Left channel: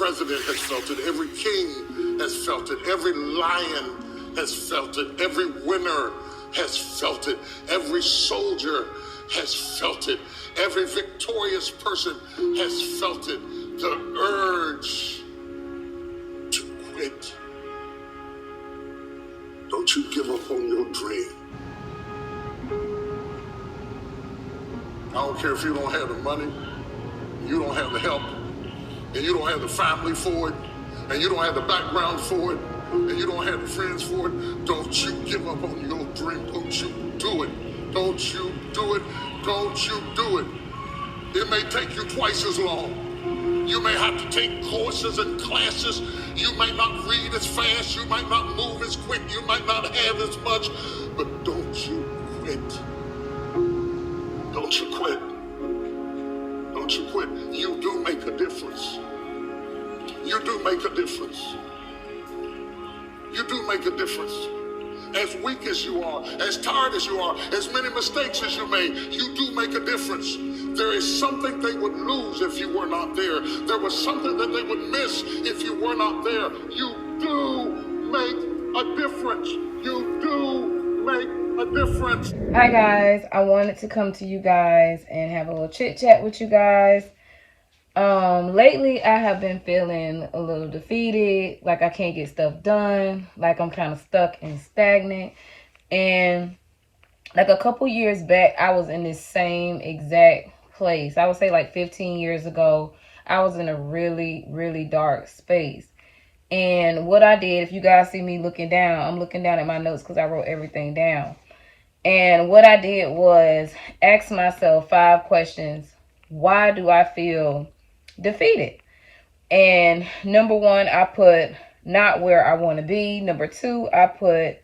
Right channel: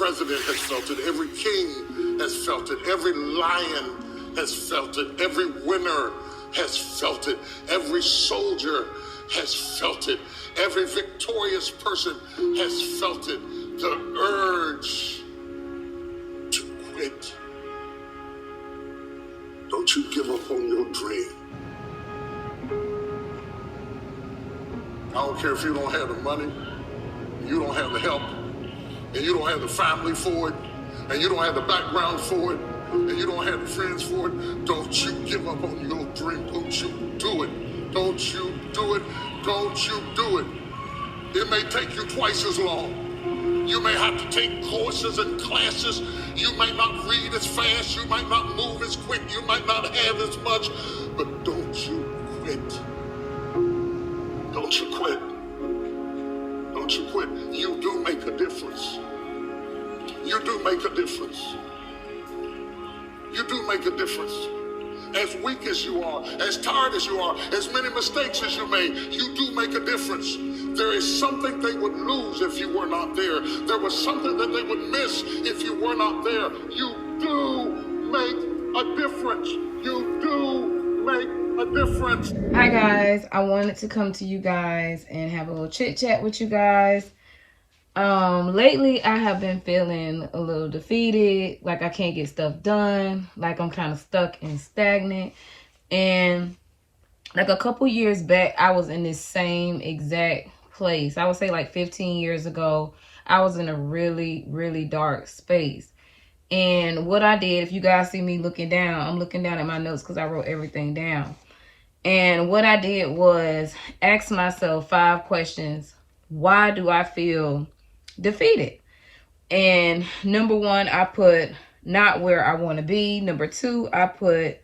president has felt it. Every king has felt it. Every lion has felt it. Every winner has felt it. Every soldier has felt it. Every victorious person has felt it. The urge to quit. Don't you give up on your dream. I don't care if you don't have the money, you don't have the help, and you don't have the family for it, and you don't have the background for it, and you don't have the friends for it. Don't you give up on your dream. Don't you do it. Don't you do it. Don't you do it. It may take you twice as long. You may have to take courses and classes. You might not read as fast. You might not move as quick. You might not have as much. But don't you quit. Don't you quit. Don't you quit. You do make a difference. You do make a difference. You do make a difference. As weak as you are, as tired as you are, as many mistakes as you made, you do make a difference. There is something they would lose if you were not there. There was something that they would miss if you were not there. You do make a difference. You do make a difference. Hi guys, I wanted to come to you guys and have a little chit chat with you guys. Lately I have been feeling a little defeated, like I can't get stuff done, like I'm kind of stuck and stagnant. And like a couple years back, I was in this same exact place. I would say like 15 years ago, I was in a really, really dark space. And what I did, if you guys see me looking down, I'm looking down at my notes because I wrote everything down. And what I did was ask myself 5 questions. Why do I feel defeated? And number 1, I put not where I want to be. Number 2, I put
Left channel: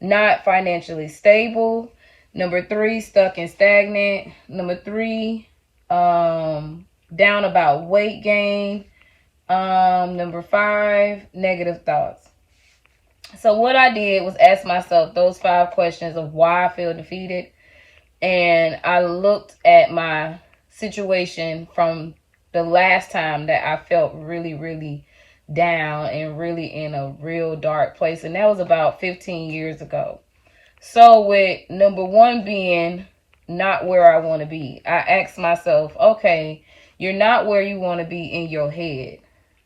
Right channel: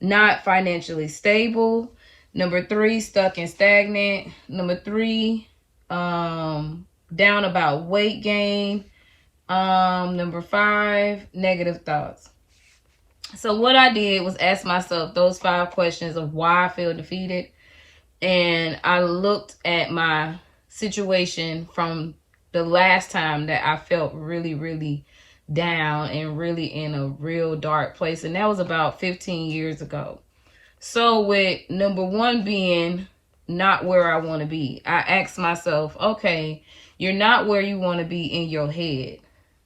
not financially stable. Number 3, stuck and stagnant. Number 3, down about weight gain. Number 5, negative thoughts. So what I did was ask myself those 5 questions of why I feel defeated. And I looked at my situation from the last time that I felt really, really down and really in a real dark place. And that was about 15 years ago. So with number 1 being not where I want to be, I asked myself, okay, you're not where you want to be in your head.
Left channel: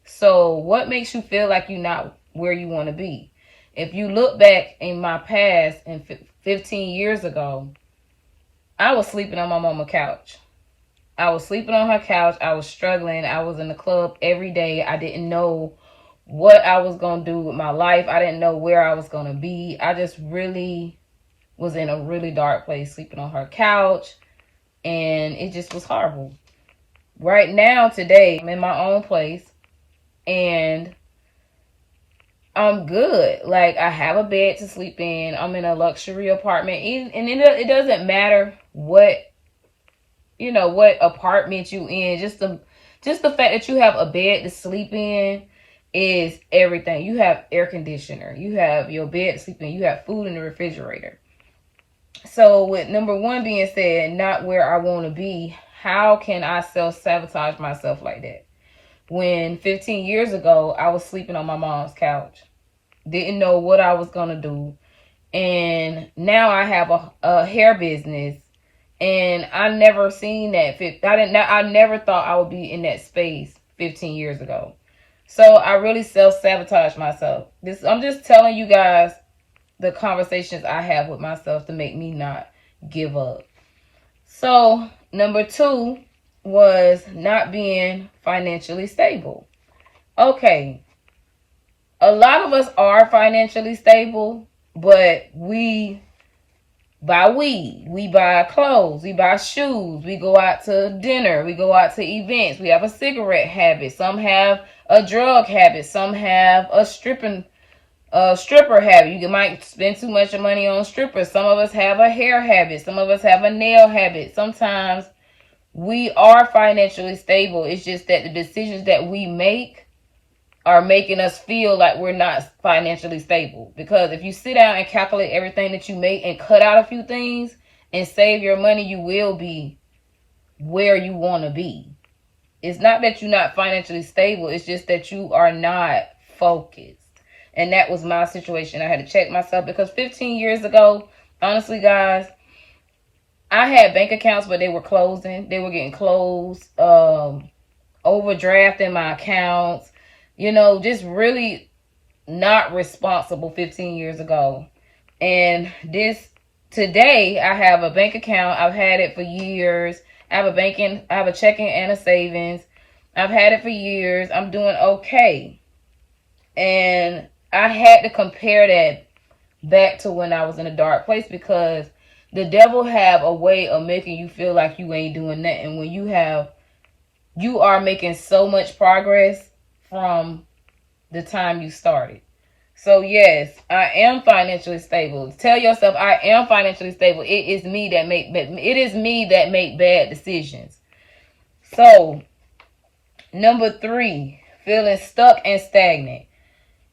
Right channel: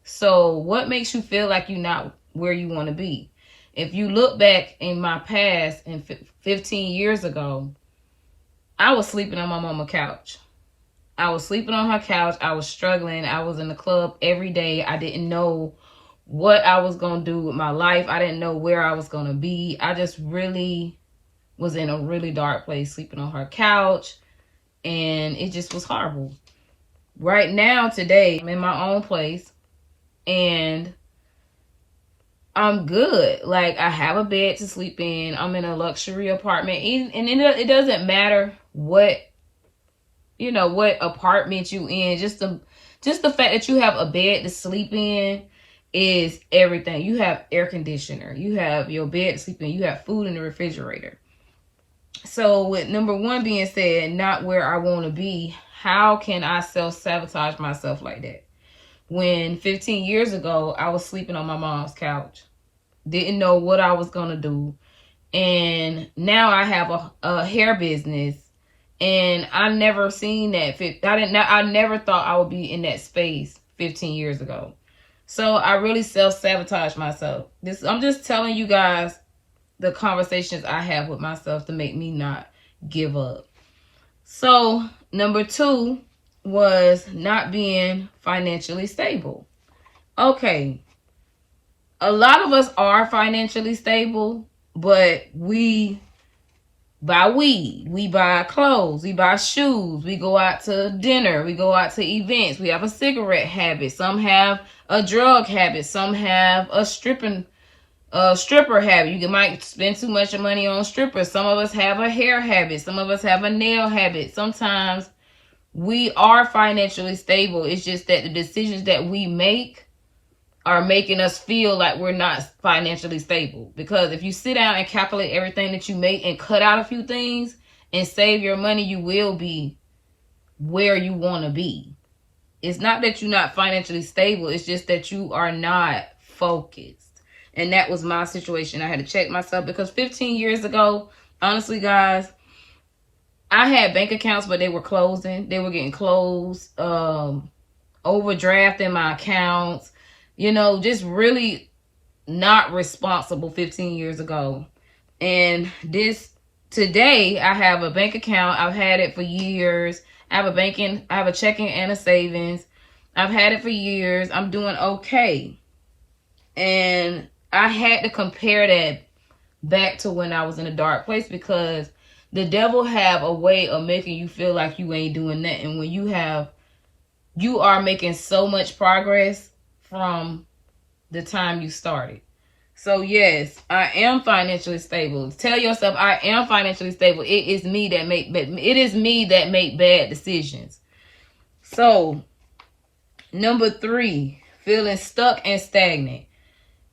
So what makes you feel like you're not where you want to be? If you look back in my past and 15 years ago, I was sleeping on my mama's couch. I was sleeping on her couch. I was struggling. I was in the club every day. I didn't know what I was going to do with my life. I didn't know where I was going to be. I just really was in a really dark place, sleeping on her couch. And it just was horrible. Right now, today, I'm in my own place. And I'm good. Like, I have a bed to sleep in. I'm in a luxury apartment. And it doesn't matter what, what apartment you in. Just the fact that you have a bed to sleep in is everything. You have air conditioner. You have your bed to sleep in. You have food in the refrigerator. So with number 1 being said, not where I want to be, how can I self-sabotage myself like that? When 15 years ago, I was sleeping on my mom's couch. Didn't know what I was going to do. And now I have a hair business. And I never seen that. I never thought I would be in that space 15 years ago. So I really self-sabotage myself. I'm just telling you guys the conversations I have with myself to make me not give up. So number 2 was not being financially stable. Okay. A lot of us are financially stable, but we buy weed, we buy clothes, we buy shoes, we go out to dinner, we go out to events, we have a cigarette habit, some have a drug habit, some have a stripper habit. You might spend too much money on strippers. Some of us have a hair habit, some of us have a nail habit. Sometimes we are financially stable. It's just that the decisions that we make are making us feel like we're not financially stable. Because if you sit down and calculate everything that you make and cut out a few things and save your money, you will be where you want to be. It's not that you're not financially stable. It's just that you are not focused. And that was my situation. I had to check myself because 15 years ago, honestly, guys, I had bank accounts, but they were closing. They were getting closed. Overdrafting my accounts. Just really not responsible 15 years ago. And today, I have a bank account. I've had it for years. I have a checking and a savings. I've had it for years. I'm doing okay. And I had to compare that back to when I was in a dark place, because the devil have a way of making you feel like you ain't doing nothing when you are making so much progress from the time you started. So yes, I am financially stable. Tell yourself I am financially stable. It is me that make bad decisions. So, number 3, feeling stuck and stagnant.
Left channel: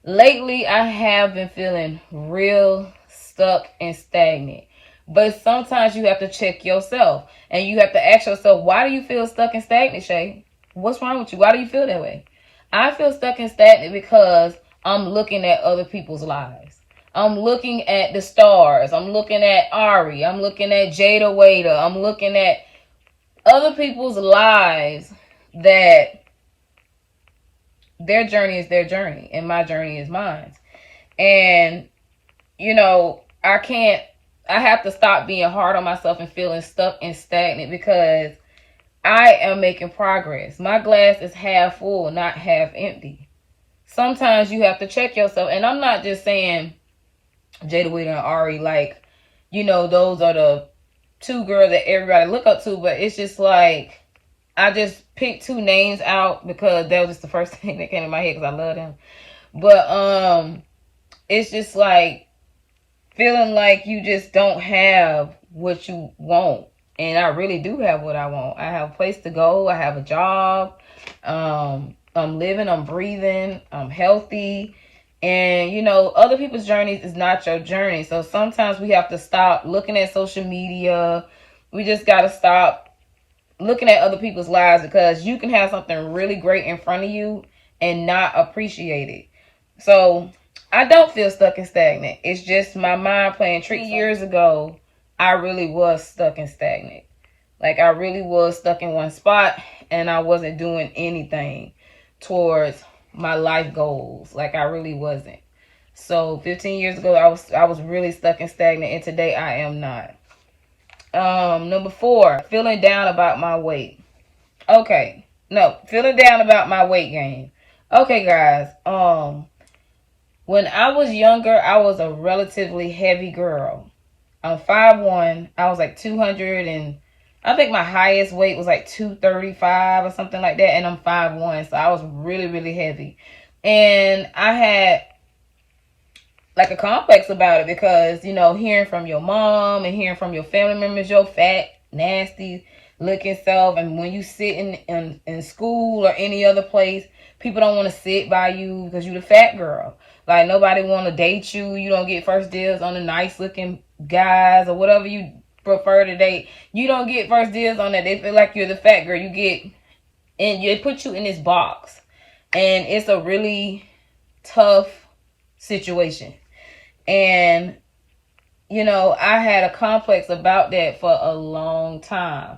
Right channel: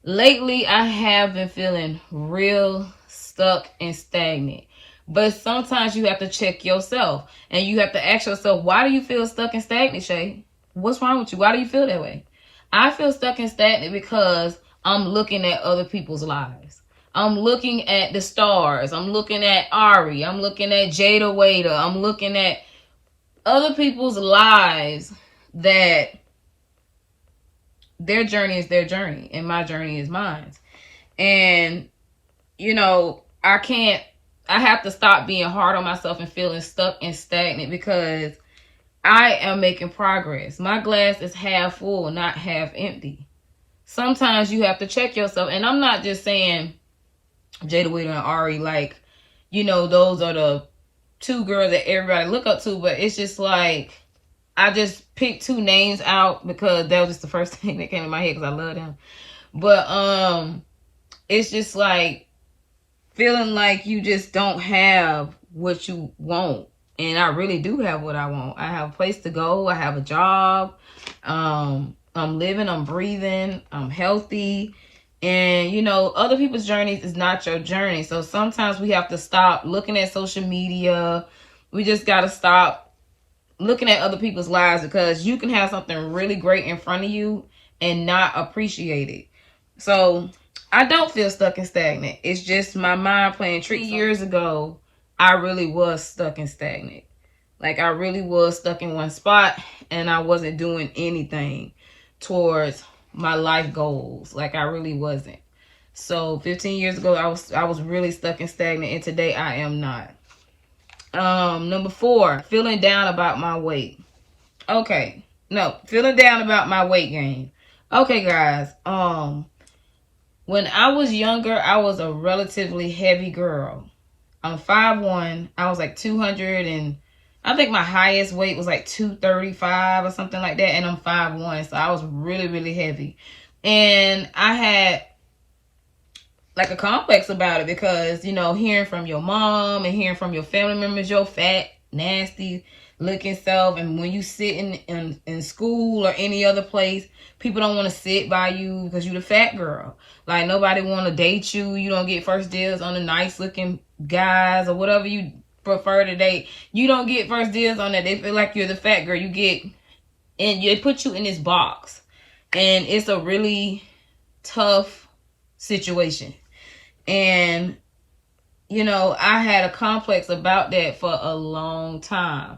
Lately, I have been feeling real stuck and stagnant. But sometimes you have to check yourself and you have to ask yourself, why do you feel stuck and stagnant, Shay? What's wrong with you? Why do you feel that way? I feel stuck and stagnant because I'm looking at other people's lives. I'm looking at the stars. I'm looking at Ari. I'm looking at Jada Waiter. I'm looking at other people's lives that their journey is their journey and my journey is mine. And, I have to stop being hard on myself and feeling stuck and stagnant because I am making progress. My glass is half full, not half empty. Sometimes you have to check yourself. And I'm not just saying Jada Waiter and Ari, like, those are the 2 girls that everybody look up to. But it's just like, I just picked 2 names out because that was just the first thing that came in my head because I love them. But it's just like feeling like you just don't have what you want. And I really do have what I want. I have a place to go. I have a job. I'm living, I'm breathing, I'm healthy. And, other people's journeys is not your journey. So sometimes we have to stop looking at social media. We just got to stop looking at other people's lives, because you can have something really great in front of you and not appreciate it. So I don't feel stuck and stagnant. It's just my mind playing tricks. 3 years ago, I really was stuck and stagnant. Like, I really was stuck in one spot and I wasn't doing anything towards my life goals. Like, I really wasn't. So 15 years ago, I was really stuck and stagnant, and today I am not. Number 4, feeling down about my weight. Feeling down about my weight gain. Okay, guys. When I was younger, I was a relatively heavy girl. I'm 5'1". I was like 200, and I think my highest weight was like 235 or something like that. And I'm 5'1", so I was really, really heavy. And I had like a complex about it because, hearing from your mom and hearing from your family members, your fat, nasty looking self. And when you sit in school or any other place, people don't want to sit by you because you the fat girl. Like, nobody want to date you. You don't get first dibs on the nice looking guys or whatever you prefer to date. You don't get first dibs on that. They feel like you're the fat girl. And they put you in this box. And it's a really tough situation. And, I had a complex about that for a long time.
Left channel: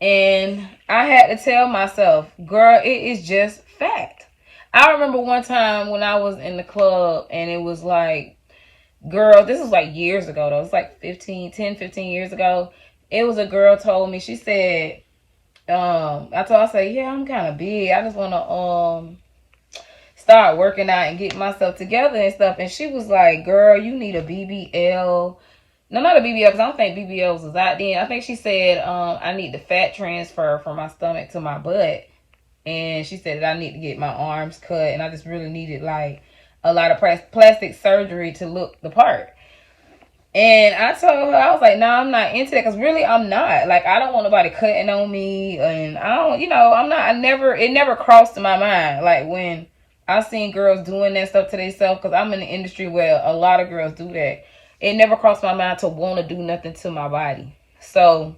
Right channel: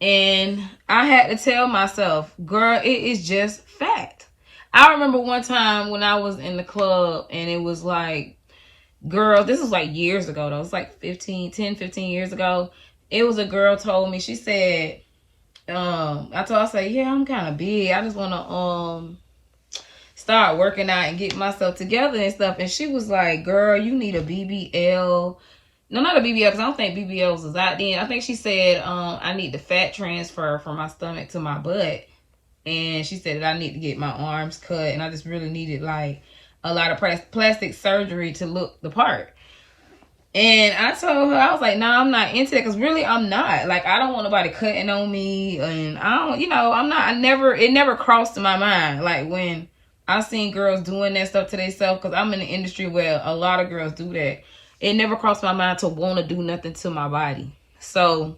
And I had to tell myself, girl, it is just fact. I remember one time when I was in the club and it was like, girl, this was like years ago though. It was like 15 years ago. It was a girl told me, she said, I said, yeah, I'm kind of big. I just want to, start working out and get myself together and stuff. And she was like, girl, you need a BBL. No, not a BBL, because I don't think BBLs was out then. I think she said, I need the fat transfer from my stomach to my butt. And she said that I need to get my arms cut. And I just really needed like a lot of plastic surgery to look the part. And I told her, I was like, no, I'm not into that. Because really, I'm not. Like, I don't want nobody cutting on me. And I don't, it never crossed my mind. Like, when I seen girls doing that stuff to themselves, because I'm in the industry where a lot of girls do that. It never crossed my mind to want to do nothing to my body. So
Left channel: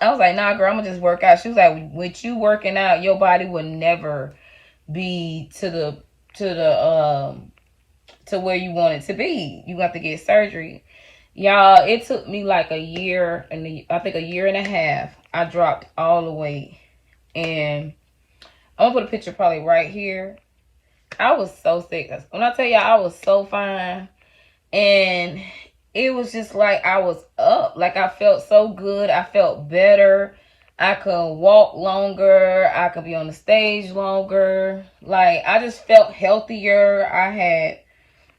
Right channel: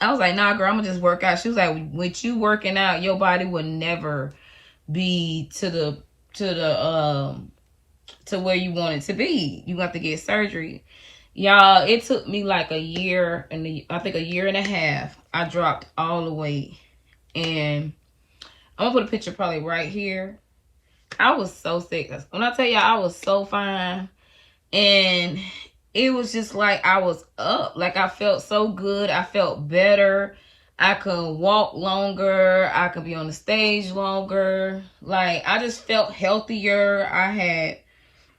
I was like, nah, girl, I'm gonna just work out. She was like, with you working out, your body will never be to where you want it to be. You have to get surgery. Y'all, it took me like a year and I think a year and a half. I dropped all the weight. And I'm gonna put a picture probably right here. I was so sick. When I tell y'all I was so fine. And it was just like I was up. Like I felt so good. I felt better. I could walk longer. I could be on the stage longer. Like I just felt healthier. I had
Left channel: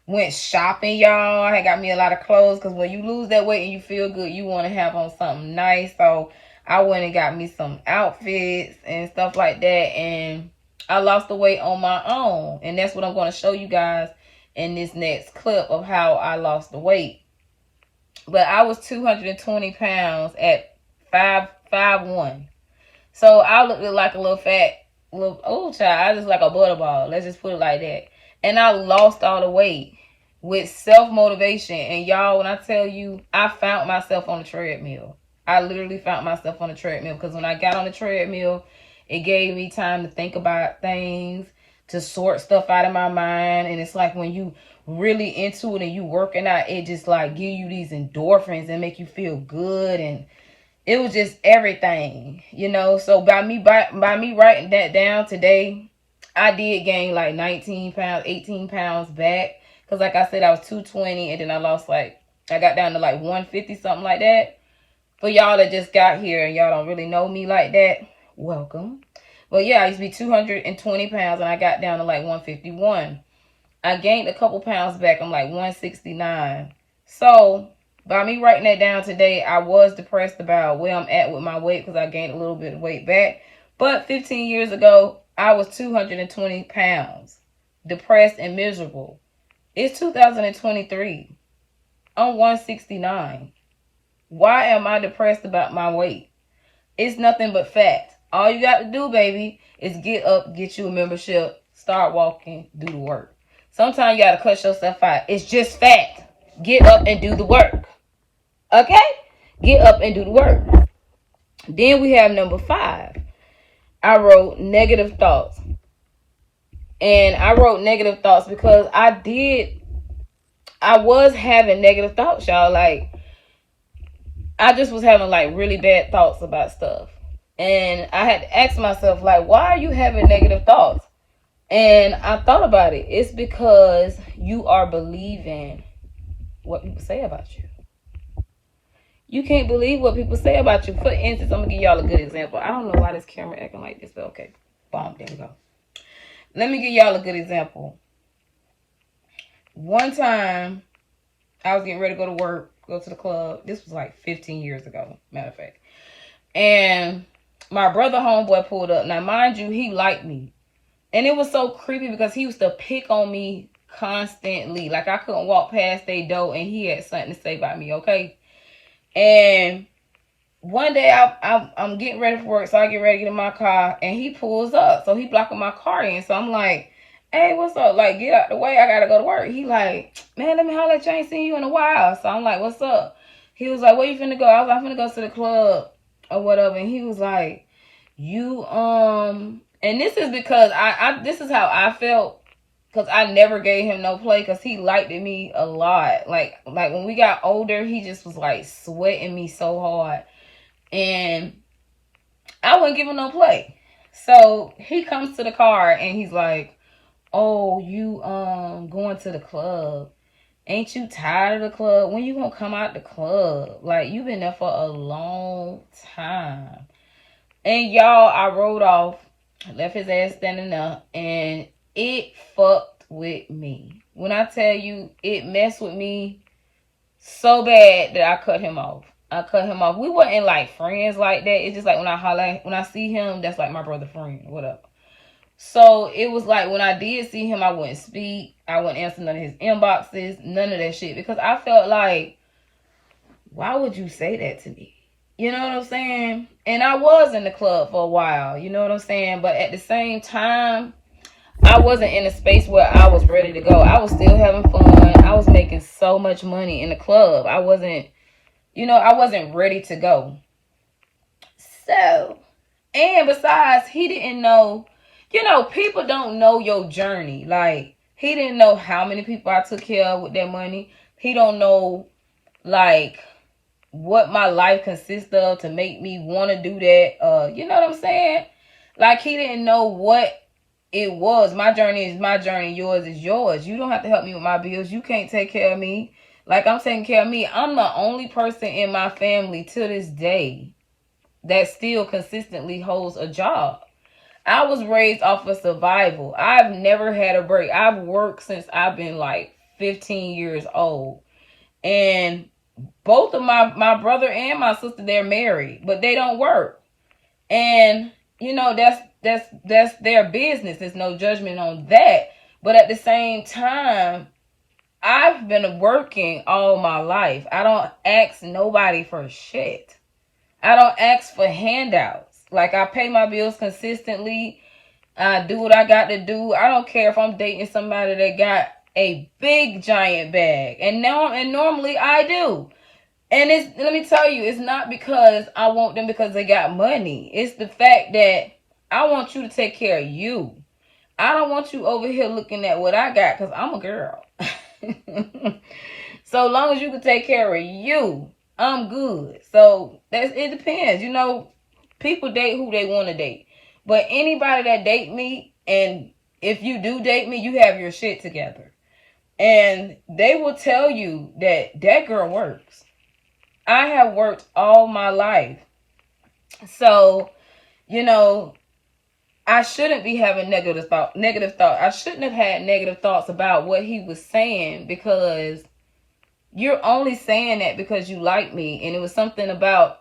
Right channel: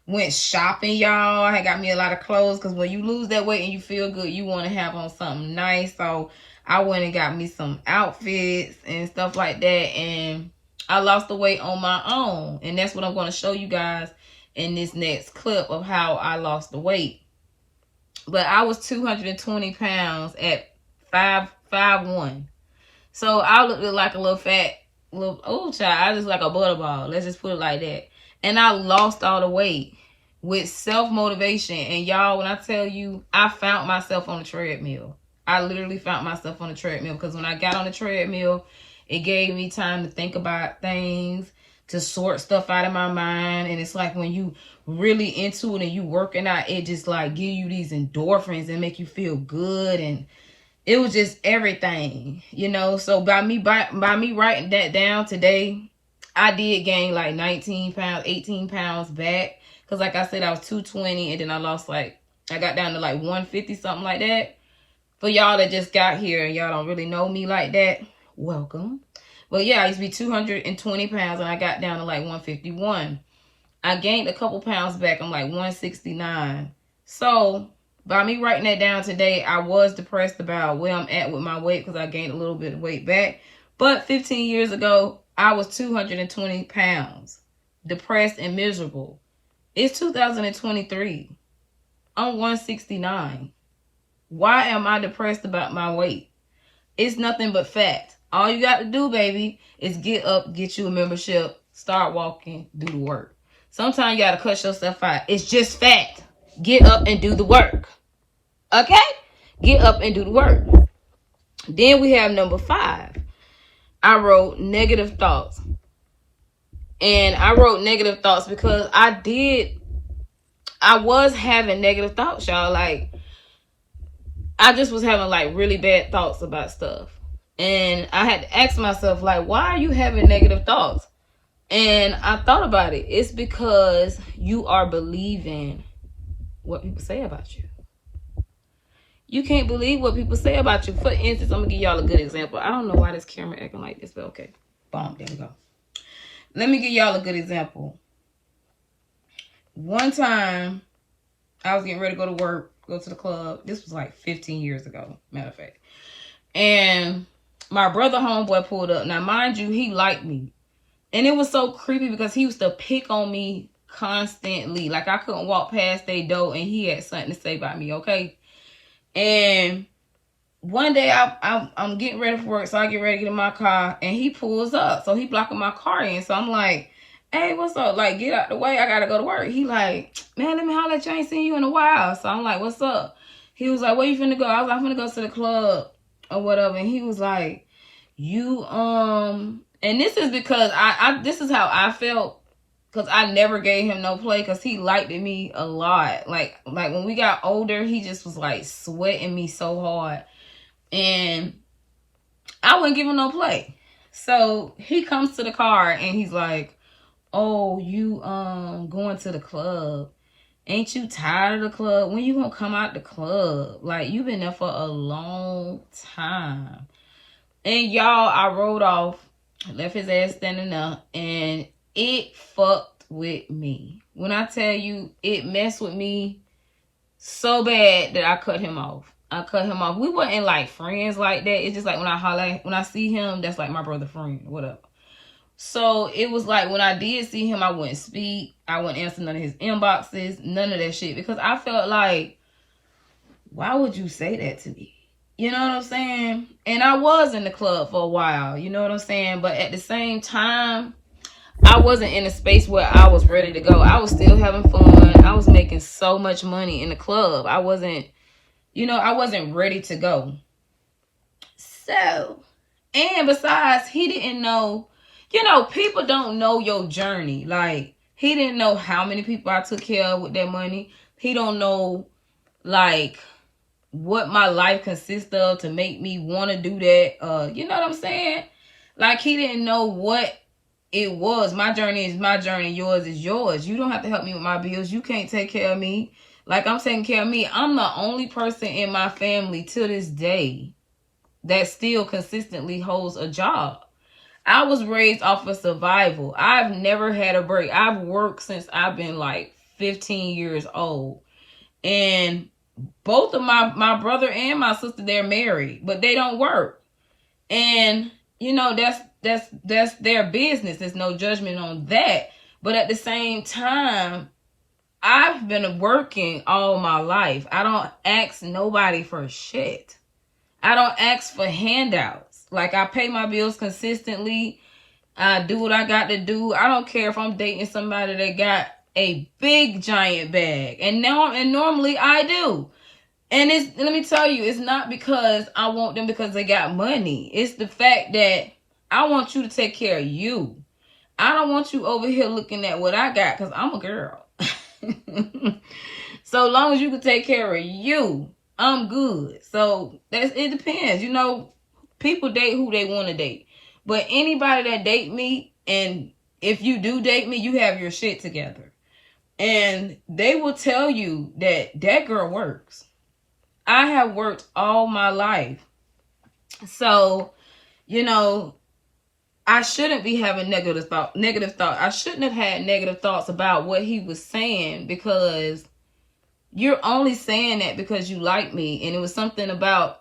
went shopping, y'all. I had got me a lot of clothes because when you lose that weight and you feel good, you want to have on something nice. So I went and got me some outfits and stuff like that. And I lost the weight on my own. And that's what I'm going to show you guys in this next clip of how I lost the weight. But I was 220 pounds at 5'1". So I looked like a little fat little old child. I just like a butterball. Let's just put it like that. And I lost all the weight with self-motivation. And y'all, when I tell you, I found myself on the treadmill. I literally found myself on the treadmill because when I got on the treadmill, it gave me time to think about things, to sort stuff out of my mind. And it's like when you really into it and you working out, it just like give you these endorphins and make you feel good. And it was just everything, you know. So by me writing that down today, I did gain like 19 pounds, 18 pounds back. Because like I said, I was 220 and then I lost like, I got down to like 150, something like that. For y'all that just got here and y'all don't really know me like that, welcome. But yeah, I used to be 220 pounds and I got down to like 151. I gained a couple pounds back. I'm like 169. So by me writing that down today, I was depressed about where I'm at with my weight because I gained a little bit of weight back. But 15 years ago, I was 220 pounds, depressed and miserable. It's 2023. I'm 169. Why am I depressed about my weight? It's nothing but fat. All you got to do, baby, is get up, get you a membership, start walking, do the work. Sometimes you got to cut yourself out. It's just fat. Get up and do the work. Okay? Get up and do the work. Then we have number 5. I wrote negative thoughts. And I wrote negative thoughts because I was having negative thoughts, y'all. Like, I just was having like really bad thoughts about stuff. And I had to ask myself, like, why are you having negative thoughts? And I thought about it. It's because you are believing what people say about you. You can't believe what people say about you. For instance, I'm going to give y'all a good example. I don't know why this camera acting like this, but okay. Boom, there we go. Let me give y'all a good example. One time, I was getting ready to go to work, go to the club. This was like 15 years ago, matter of fact. And my brother homeboy pulled up. Now, mind you, he liked me. And it was so creepy because he used to pick on me constantly. Like I couldn't walk past their door and he had something to say about me, okay? And one day I'm getting ready for work, so I get ready to get in my car and he pulls up. So he blocking my car in. So I'm like, hey, what's up? Like, get out the way. I gotta go to work. He like, man, let me holler at you. I ain't seen you in a while. So I'm like, what's up? He was like, where you finna go? I was like, I'm finna go to the club or whatever. And he was like, you, and this is because this is how I felt. Because I never gave him no play because he liked me a lot. Like when we got older, he just was like sweating me so hard. And I wouldn't give him no play. So he comes to the car and he's like, oh, you going to the club. Ain't you tired of the club? When you gonna come out the club? Like, you been there for a long time. And y'all, I rode off, left his ass standing there, and it fucked with me. When I tell you, it messed with me so bad that I cut him off. We weren't like friends like that. It's just like when I see him, that's like my brother friend, whatever. So it was like when I did see him, I wouldn't speak. I wouldn't answer none of his inboxes, none of that shit. Because I felt like, why would you say that to me? You know what I'm saying? And I was in the club for a while, you know what I'm saying? But at the same time, I wasn't in a space where I was ready to go. I was still having fun. I was making so much money in the club. I wasn't ready to go. So, and besides, he didn't know, people don't know your journey. Like, he didn't know how many people I took care of with that money. He don't know, like, what my life consists of to make me want to do that. You know what I'm saying? Like, he didn't know what it was. My journey is my journey. Yours is yours. You don't have to help me with my bills. You can't take care of me. Like, I'm taking care of me. I'm the only person in my family to this day that still consistently holds a job. I was raised off of survival. I've never had a break. I've worked since I've been like 15 years old. And both of my brother and my sister, they're married, but they don't work. And that's their business. There's no judgment on that. But at the same time, I've been working all my life. I don't ask nobody for shit. I don't ask for handouts. Like, I pay my bills consistently. I do what I got to do. I don't care if I'm dating somebody that got a big giant bag. And normally I do. And let me tell you, it's not because I want them because they got money. It's the fact that I want you to take care of you. I don't want you over here looking at what I got because I'm a girl. So long as you can take care of you, I'm good. So it depends. People date who they want to date. But anybody that date me, and if you do date me, you have your shit together. And they will tell you that girl works. I have worked all my life. So, I shouldn't be having negative thoughts. I shouldn't have had negative thoughts about what he was saying, because you're only saying that because you like me. And it was something about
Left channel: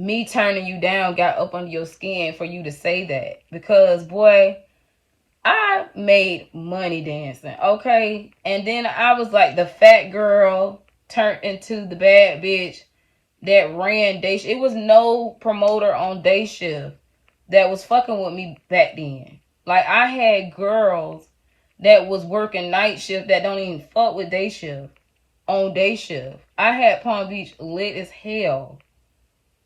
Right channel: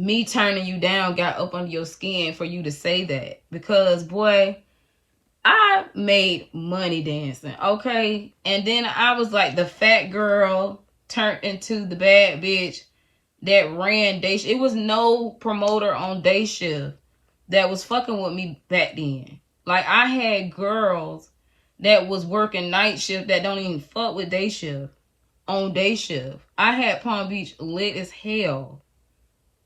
me turning you down got up under your skin for you to say that. Because, boy, I made money dancing, okay? And then I was like the fat girl turned into the bad bitch that ran day shift. It was no promoter on day shift that was fucking with me back then. Like, I had girls that was working night shift that don't even fuck with day shift on day shift. I had Palm Beach lit as hell.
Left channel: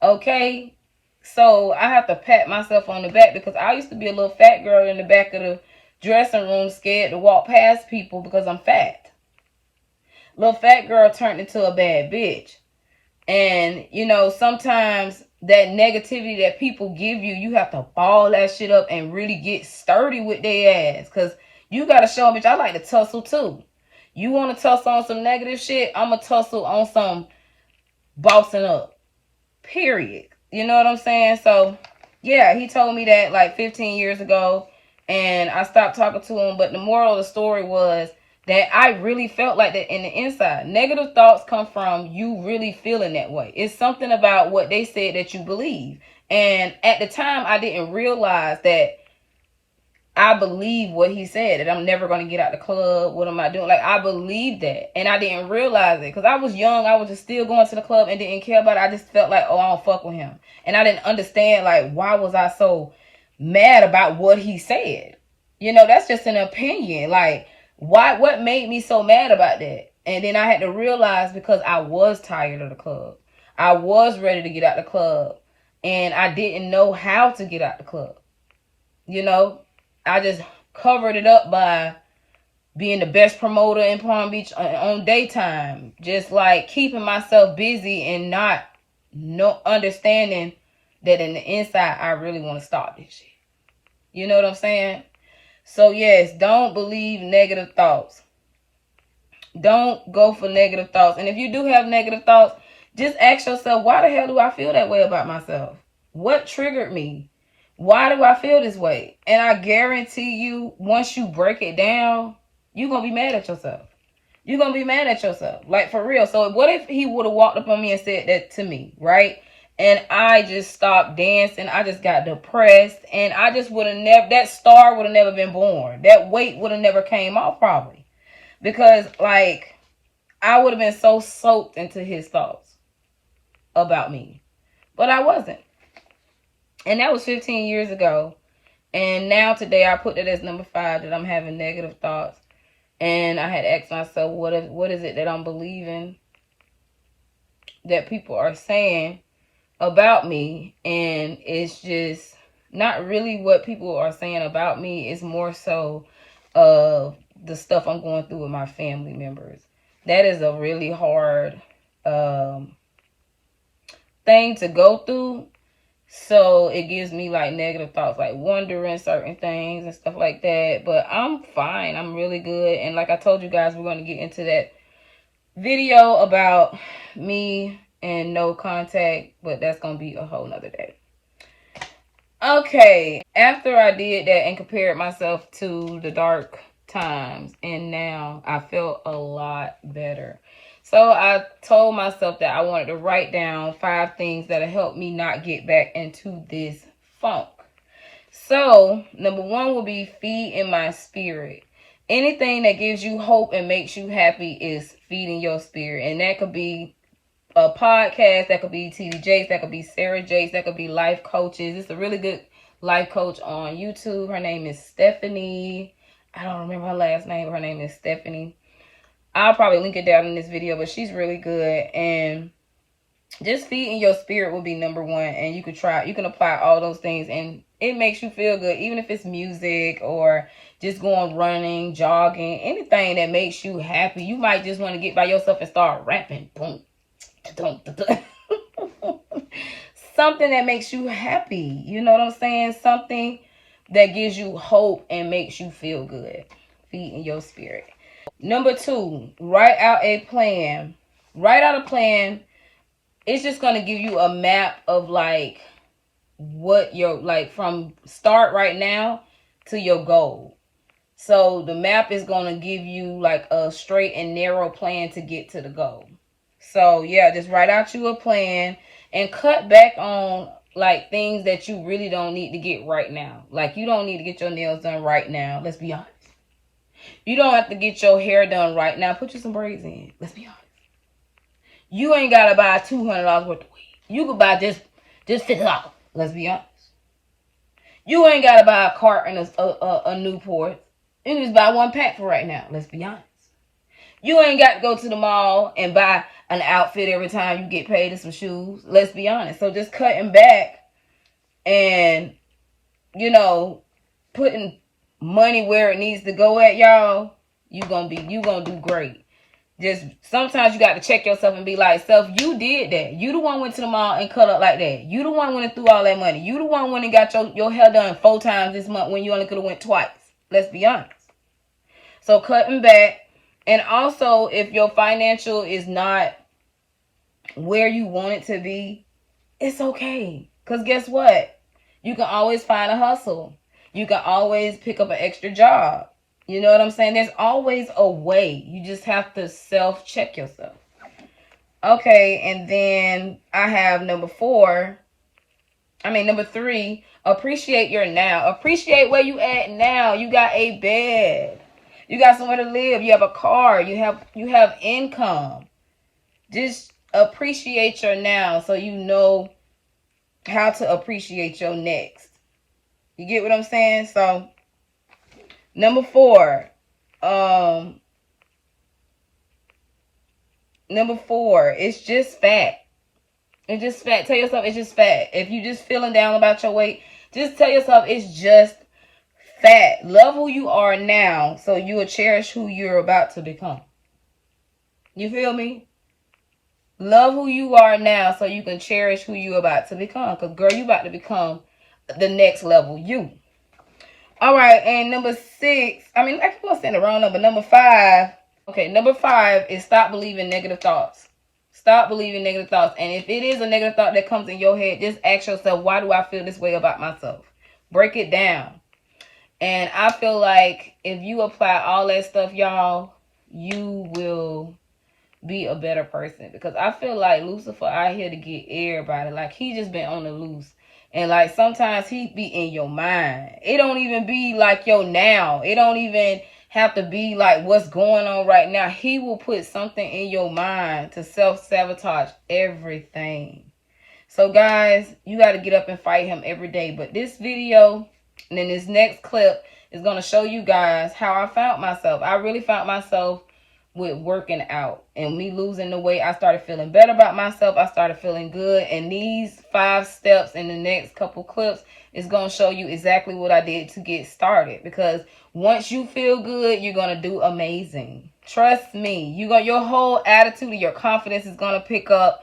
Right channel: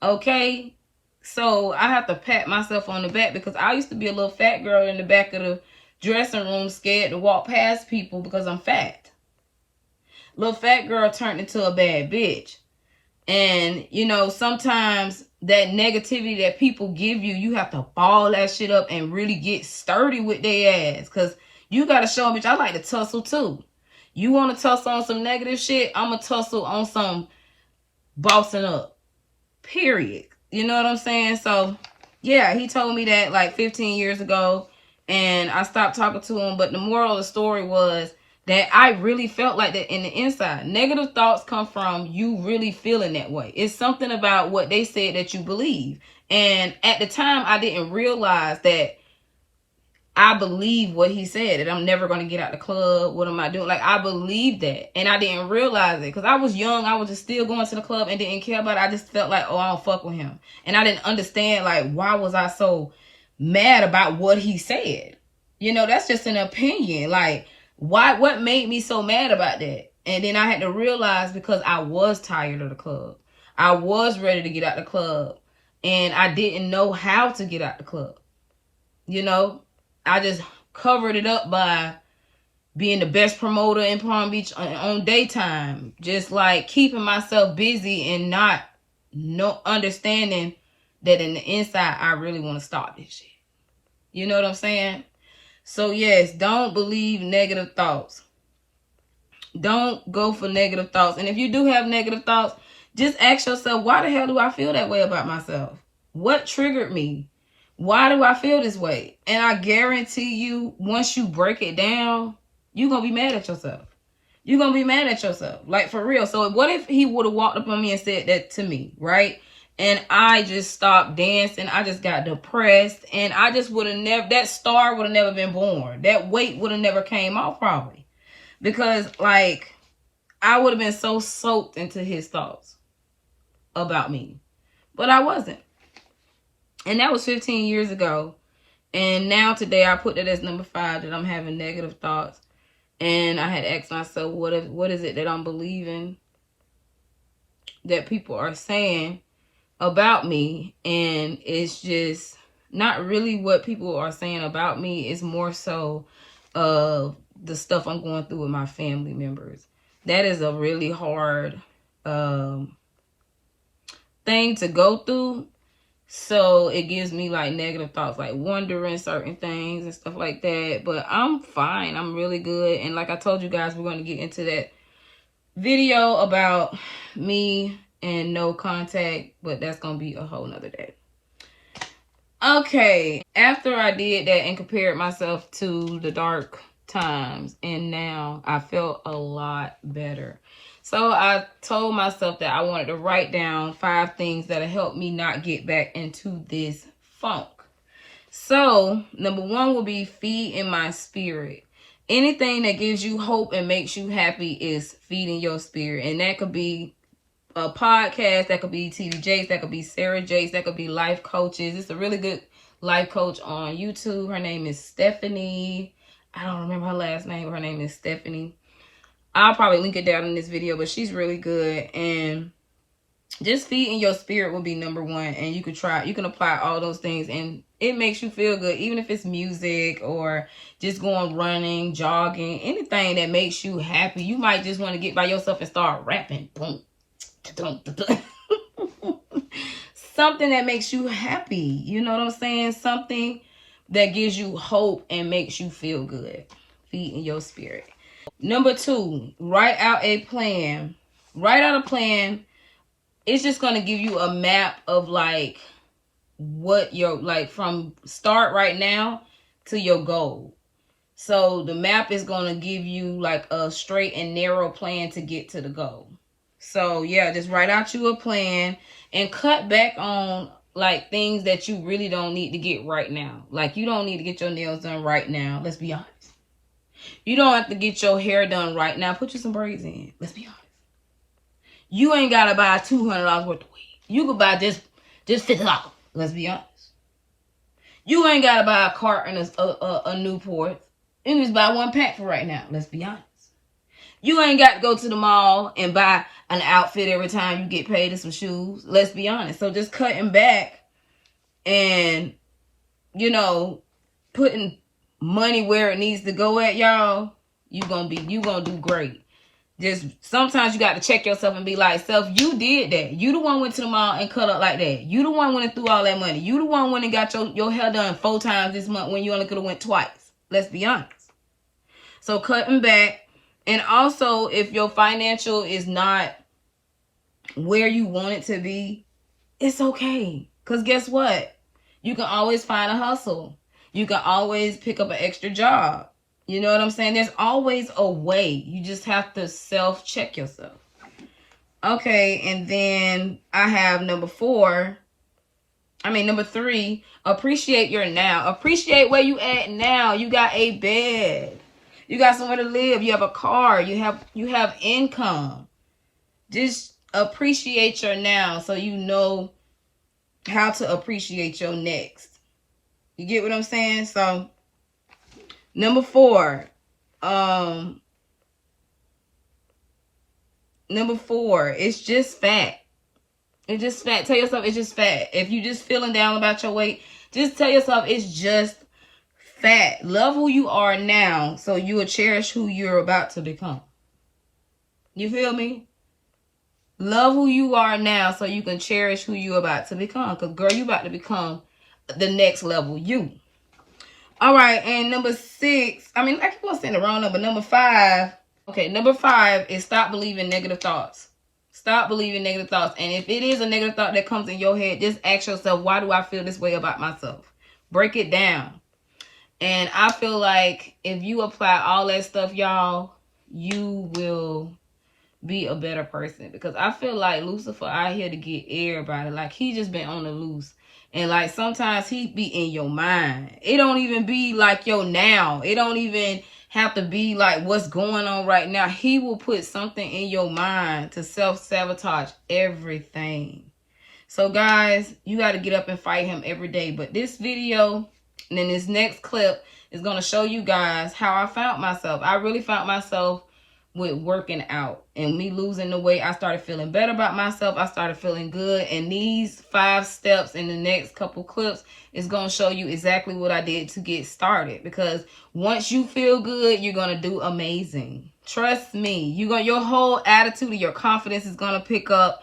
Okay? So I have to pat myself on the back, because I used to be a little fat girl in the back of the dressing room, scared to walk past people because I'm fat. Little fat girl turned into a bad bitch. And, sometimes that negativity that people give you, you have to ball that shit up and really get sturdy with their ass. Because you got to show them, bitch, I like to tussle too. You want to tussle on some negative shit? I'm going to tussle on some bossing up. Period. You know what I'm saying? So, yeah, he told me that like 15 years ago. And I stopped talking to him. But the moral of the story was that I really felt like that in the inside. Negative thoughts come from you really feeling that way. It's something about what they said that you believe. And at the time, I didn't realize that I believe what he said, that I'm never going to get out the club. What am I doing? Like, I believed that. And I didn't realize it because I was young. I was just still going to the club and didn't care about it. I just felt like, oh, I don't fuck with him. And I didn't understand, like, why was I so mad about what he said? That's just an opinion. Like, what made me so mad about that? And then I had to realize, because I was tired of the club. I was ready to get out the club. And I didn't know how to get out the club. I just covered it up by being the best promoter in Palm Beach on daytime. Just like keeping myself busy and not understanding that in the inside, I really want to stop this shit. You know what I'm saying? So yes, don't believe negative thoughts. Don't go for negative thoughts. And if you do have negative thoughts, just ask yourself, why the hell do I feel that way about myself? What triggered me? Why do I feel this way? And I guarantee you, once you break it down, you're going to be mad at yourself. You're going to be mad at yourself. Like, for real. So what if he would have walked up on me and said that to me, right? And I just stopped dancing. I just got depressed. And I just would have never, that star would have never been born. That weight would have never came off probably. Because, like, I would have been so soaked into his thoughts about me. But I wasn't. And that was 15 years ago. And now today I put that as number 5, that I'm having negative thoughts. And I had asked myself, what is it that I'm believing that people are saying about me, and it's just not really what people are saying about me. It's more so of the stuff I'm going through with my family members. That is a really hard thing to go through. So it gives me like negative thoughts, like wondering certain things and stuff like that. But I'm fine. I'm really good. And like I told you guys, we're going to get into that video about me and no contact, but that's going to be a whole nother day. Okay, after I did that and compared myself to the dark times, and now I feel a lot better. So I told myself that I wanted to write down 5 things that'll help me not get back into this funk. So number 1 will be feeding my spirit. Anything that gives you hope and makes you happy is feeding your spirit. And that could be a podcast, that could be TD Jakes, that could be Sarah Jakes, that could be life coaches. It's a really good life coach on YouTube. Her name is Stephanie. I don't remember her last name, but her name is Stephanie. I'll probably link it down in this video, but she's really good. And just feeding your spirit will be number 1. And you can apply all those things, and it makes you feel good, even if it's music or just going running, jogging, anything that makes you happy. You might just want to get by yourself and start rapping. Boom. Something that makes you happy. You know what I'm saying? Something that gives you hope and makes you feel good. Feeding your spirit. Number 2, write out a plan. Write out a plan. It's just going to give you a map of like what your, like from start right now to your goal. So the map is going to give you like a straight and narrow plan to get to the goal. So yeah, just write out you a plan and cut back on like things that you really don't need to get right now. Like you don't need to get your nails done right now. Let's be honest. You don't have to get your hair done right now. Put you some braids in. Let's be honest. You ain't got to buy $200 worth of weed. You could buy just $50. Let's be honest. You ain't got to buy a carton of a Newport. You can just buy 1 pack for right now. Let's be honest. You ain't got to go to the mall and buy an outfit every time you get paid and some shoes. Let's be honest. So just cutting back and, you know, putting money where it needs to go at, y'all, you gonna do great. Just sometimes you got to check yourself and be like, self, you did that. You the one went to the mall and cut up like that. You the one went and threw all that money. You the one went and got your hair done 4 times this month when you only could have went twice. Let's be honest. So cutting back. And also, if your financial is not where you want it to be, it's okay. Because guess what? You can always find a hustle. You can always pick up an extra job. You know what I'm saying? There's always a way. You just have to self-check yourself. Okay, and then I have number 3, appreciate your now. Appreciate where you at now. You got a bed. You got somewhere to live. You have a car. You have income. Just appreciate your now so you know how to appreciate your next. You get what I'm saying? So number 4, it's just fat. It's just fat. Tell yourself it's just fat. If you just feeling down about your weight, just tell yourself it's just fat. Love who you are now so you will cherish who you're about to become. You feel me? Love who you are now so you can cherish who you're about to become. Because, girl, you about to become the next level you. All right, and number 6, I keep on saying the wrong number. Number 5. Okay, number 5 is stop believing negative thoughts. Stop believing negative thoughts. And if it is a negative thought that comes in your head, just ask yourself, why do I feel this way about myself? Break it down. And I feel like if you apply all that stuff, y'all, you will be a better person. Because I feel like Lucifer out here to get everybody. Like, he just been on the loose. And, like, sometimes he be in your mind. It don't even be like your now. It don't even have to be like what's going on right now. He will put something in your mind to self-sabotage everything. So, guys, you got to get up and fight him every day. But this video... and then this next clip is going to show you guys how I found myself. I really found myself with working out and me losing the weight. I started feeling better about myself. I started feeling good. And these 5 steps in the next couple clips is going to show you exactly what I did to get started. Because once you feel good, you're going to do amazing. Trust me. Your whole attitude, your confidence is going to pick up,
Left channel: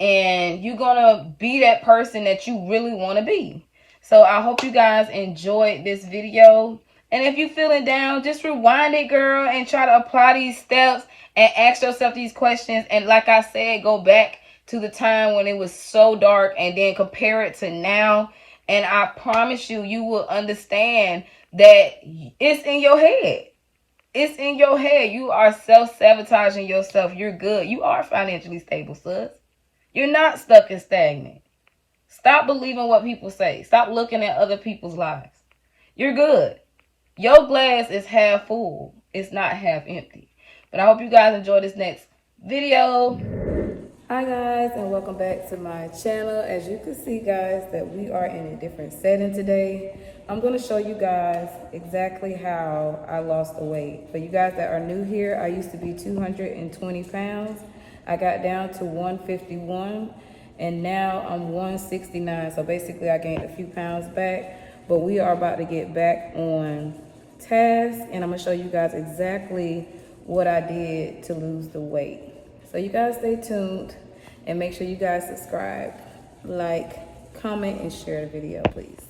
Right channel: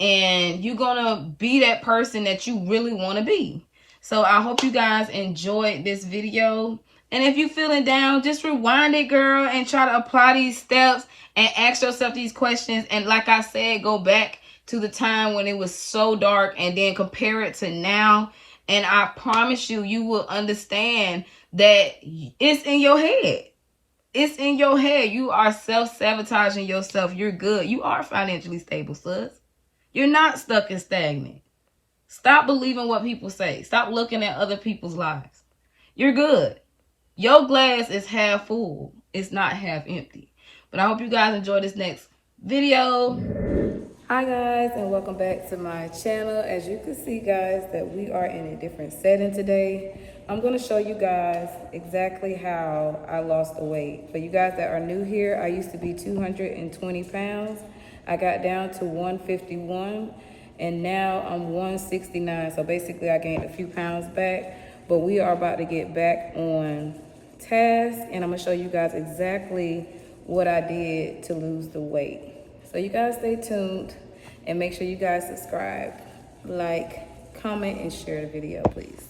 and you're going to be that person that you really want to be. So I hope you guys enjoyed this video. And if you're feeling down, just rewind it, girl, and try to apply these steps and ask yourself these questions. And like I said, go back to the time when it was so dark and then compare it to now. And I promise you, you will understand that it's in your head. It's in your head. You are self-sabotaging yourself. You're good. You are financially stable, sis. You're not stuck and stagnant. Stop believing what people say. Stop looking at other people's lives. You're good. Your glass is half full. It's not half empty. But I hope you guys enjoy this next video. Hi guys, and welcome back to my channel. As you can see, guys, that we are in a different setting today. I'm going to show you guys exactly how I lost the weight. For you guys that are new here, I used to be 220 pounds. I got down to 151, and now I'm 169. So basically I gained a few pounds back, but we are about to get back on task, and I'm gonna show you guys exactly what I did to lose the weight. So you guys stay tuned, and make sure you guys subscribe, like, comment, and share the video, please.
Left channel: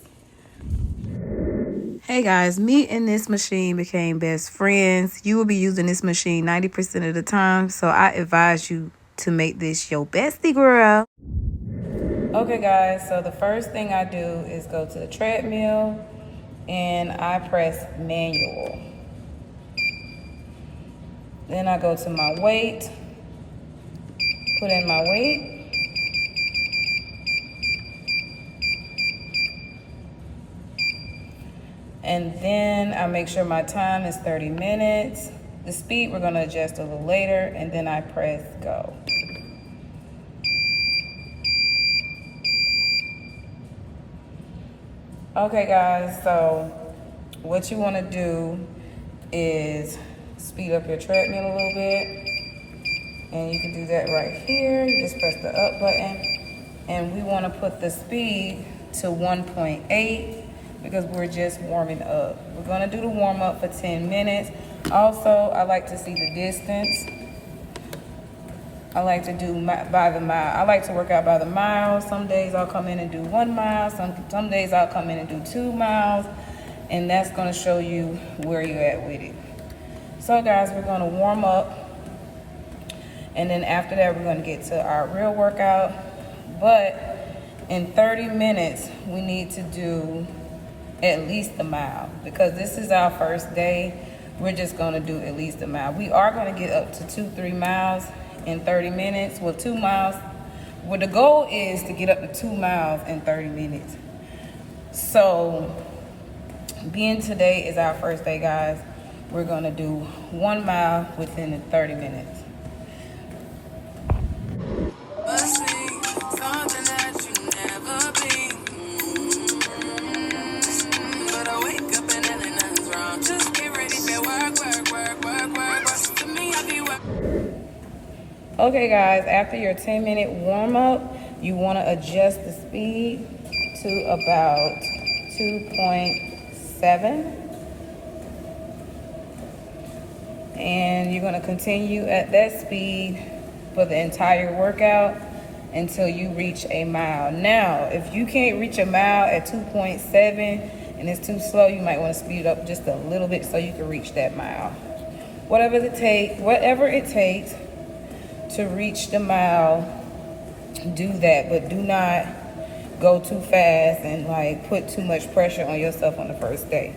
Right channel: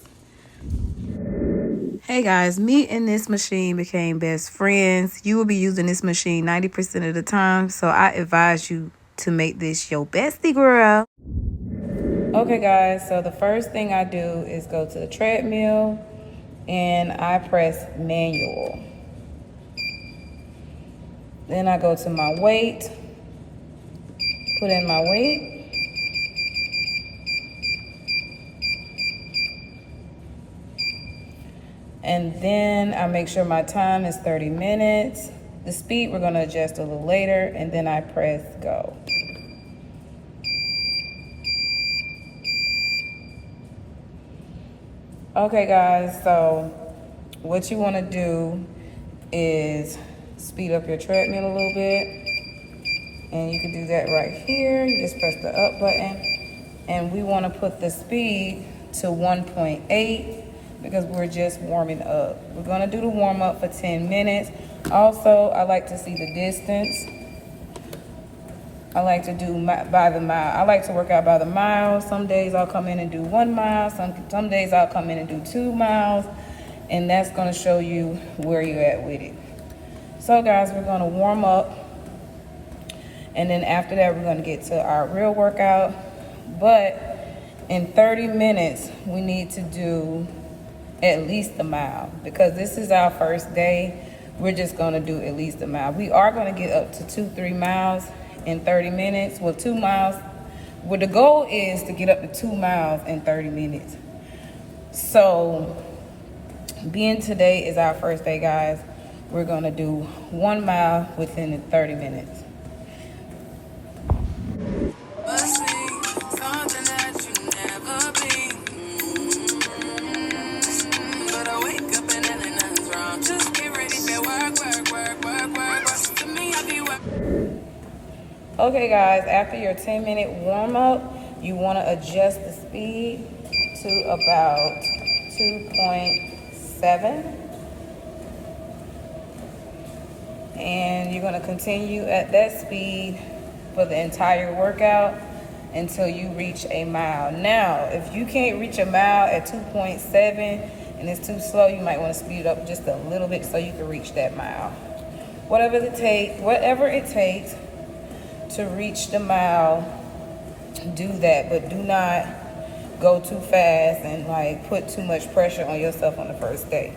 Hey guys, me and this machine became best friends. You will be using this machine 90% of the time, so I advise you to make this your bestie, girl. Okay guys, so the first thing I do is go to the treadmill and I press manual. Then I go to my weight, put in my weight. And then I make sure my time is 30 minutes. The speed we're gonna adjust a little later, and then I press go. Okay guys, so what you wanna do is speed up your treadmill a little bit. And you can do that right here. You just press the up button. And we wanna put the speed to 1.8 because we're just warming up. We're gonna do the warm up for 10 minutes. Also, I like to see the distance. I like to do by the mile. I like to work out by the mile. Some days I'll come in and do 1 mile. Some days I'll come in and do 2 miles. And that's gonna show you where you're at with it. So guys, we're gonna warm up. And then after that, we're gonna get to our real workout. But in 30 minutes, we need to do at least a mile. Because this is our first day, we're just gonna do at least a mile. We are gonna get up to 2-3 miles in 30 minutes. Well, 2 miles. Well, the goal is to get up to 2 miles in 30 minutes. So, being today is our first day, guys, we're gonna do 1 mile within 30 minutes. Okay guys, after your 10-minute warm up, you want to adjust the speed to about 2.7. And you're going to continue at that speed for the entire workout until you reach a mile. Now, if you can't reach a mile at 2.7 and it's too slow, you might want to speed it up just a little bit so you can reach that mile. Whatever it takes to reach the mile, do that, but do not go too fast and like put too much pressure on yourself on the first day.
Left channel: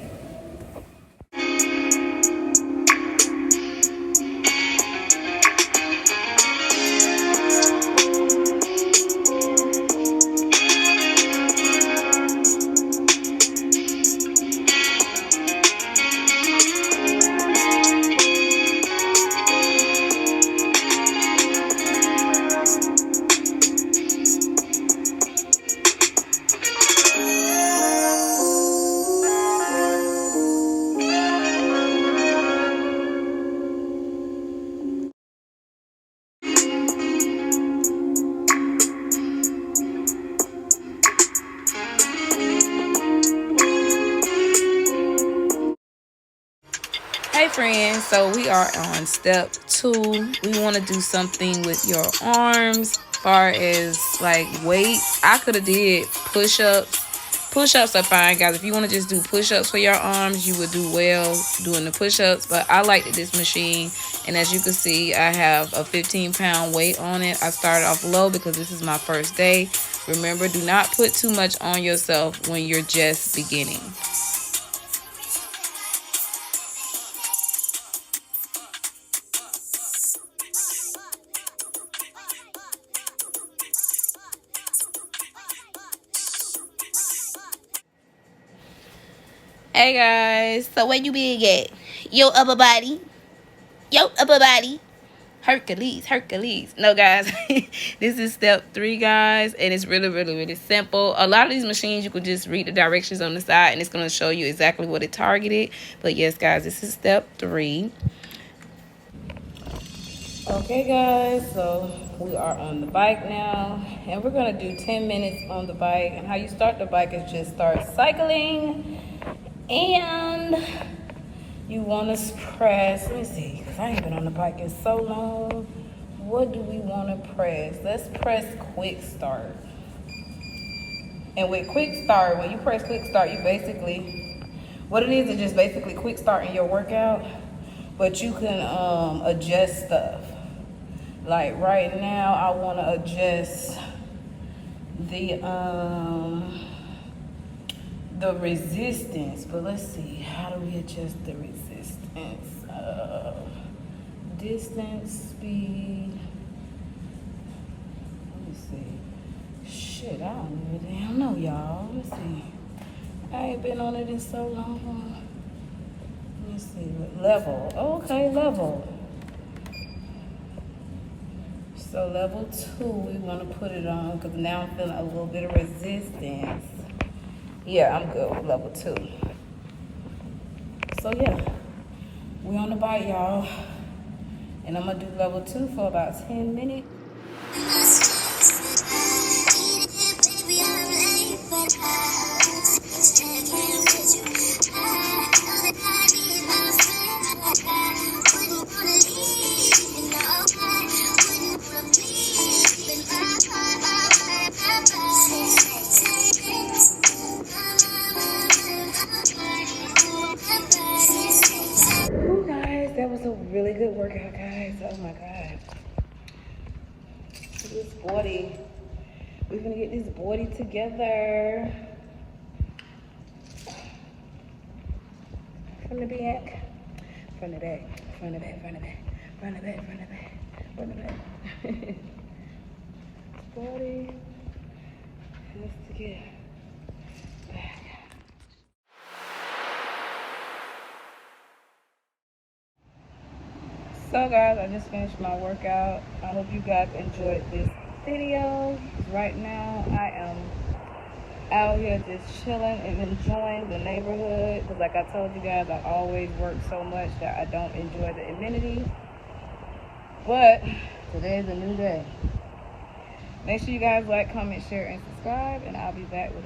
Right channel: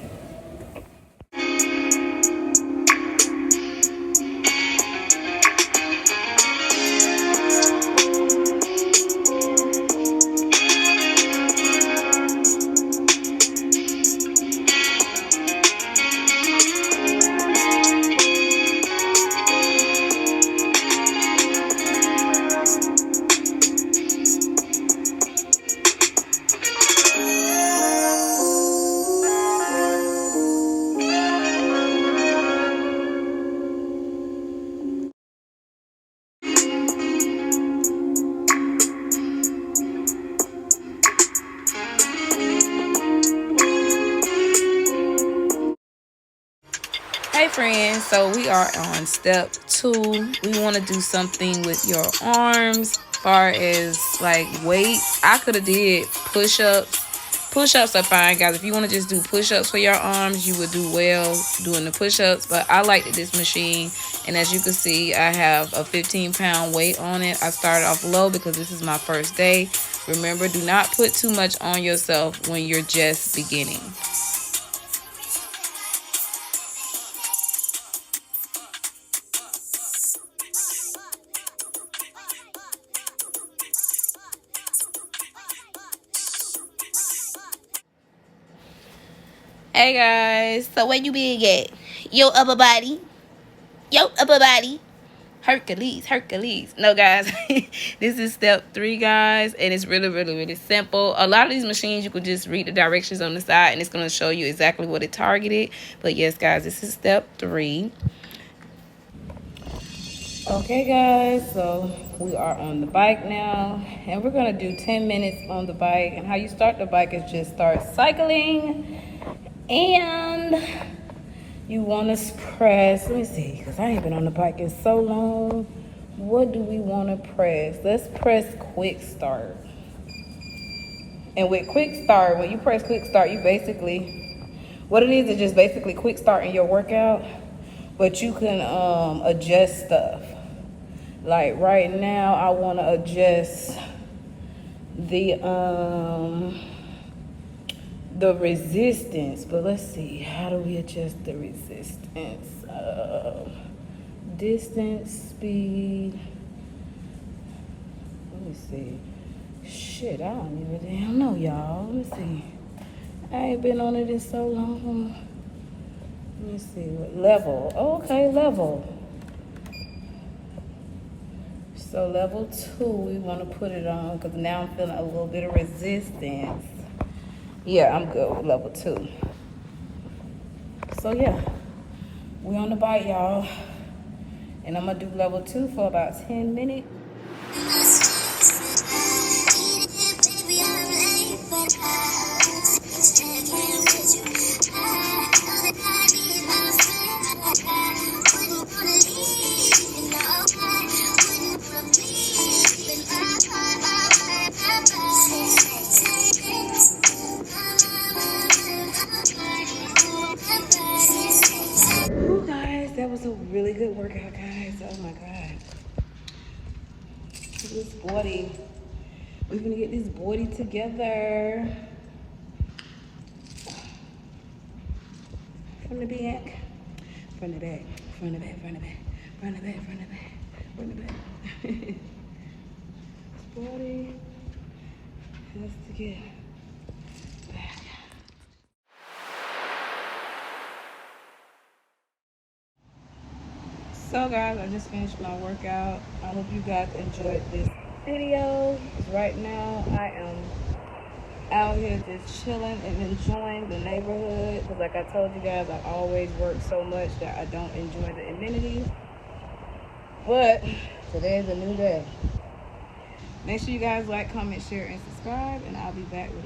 friends, so we are on step 2. We want to do something with your arms, far as like weights. I could have did push-ups. Push-ups are fine, guys. If you want to just do push-ups for your arms, you would do well doing the push-ups. But I like this machine, and as you can see, I have a 15-pound weight on it. I started off low because this is my first day. Remember, do not put too much on yourself when you're just beginning. Hey guys, so where you big at? Your upper body. Hercules. No, guys, this is step 3, guys, and it's really simple. A lot of these machines, you could just read the directions on the side, and it's going to show you exactly what it targeted. But yes, guys, this is step 3. Okay, guys, so we are on the bike now, and we're going to do 10 minutes on the bike. And how you start the bike is just start cycling, and you want to press. Let me see, because I ain't been on the bike in so long. What do we want to press? Let's press quick start. And with quick start, when you press quick start, you basically, what it is just basically quick start in your workout, but you can adjust stuff. Like right now, I want to adjust the resistance, but let's see, how do we adjust the resistance? Distance, speed. Let me see. Shit, I don't even damn know, y'all. Let me see. I ain't been on it in so long. Let me see. Level. Okay, level. So level 2, we want to put it on because now I'm feeling a little bit of resistance. Yeah, I'm good with level 2. So yeah, we on the bike, y'all. And I'm going to do level 2 for about 10 minutes. Ooh, guys, that was a really good workout, guys. Oh my God. This body. We're gonna get this body together. From the back. From the back. From the back. From the back. From the back. From the back. From the back. This body has to get back. So guys, I just finished my workout. I hope you guys enjoyed this video. Right now I am out here just chilling and enjoying the neighborhood, because like I told you guys, I always work so much that I don't enjoy the amenities. But today is a new day. Make sure you guys like, comment, share, and subscribe, and I'll be back with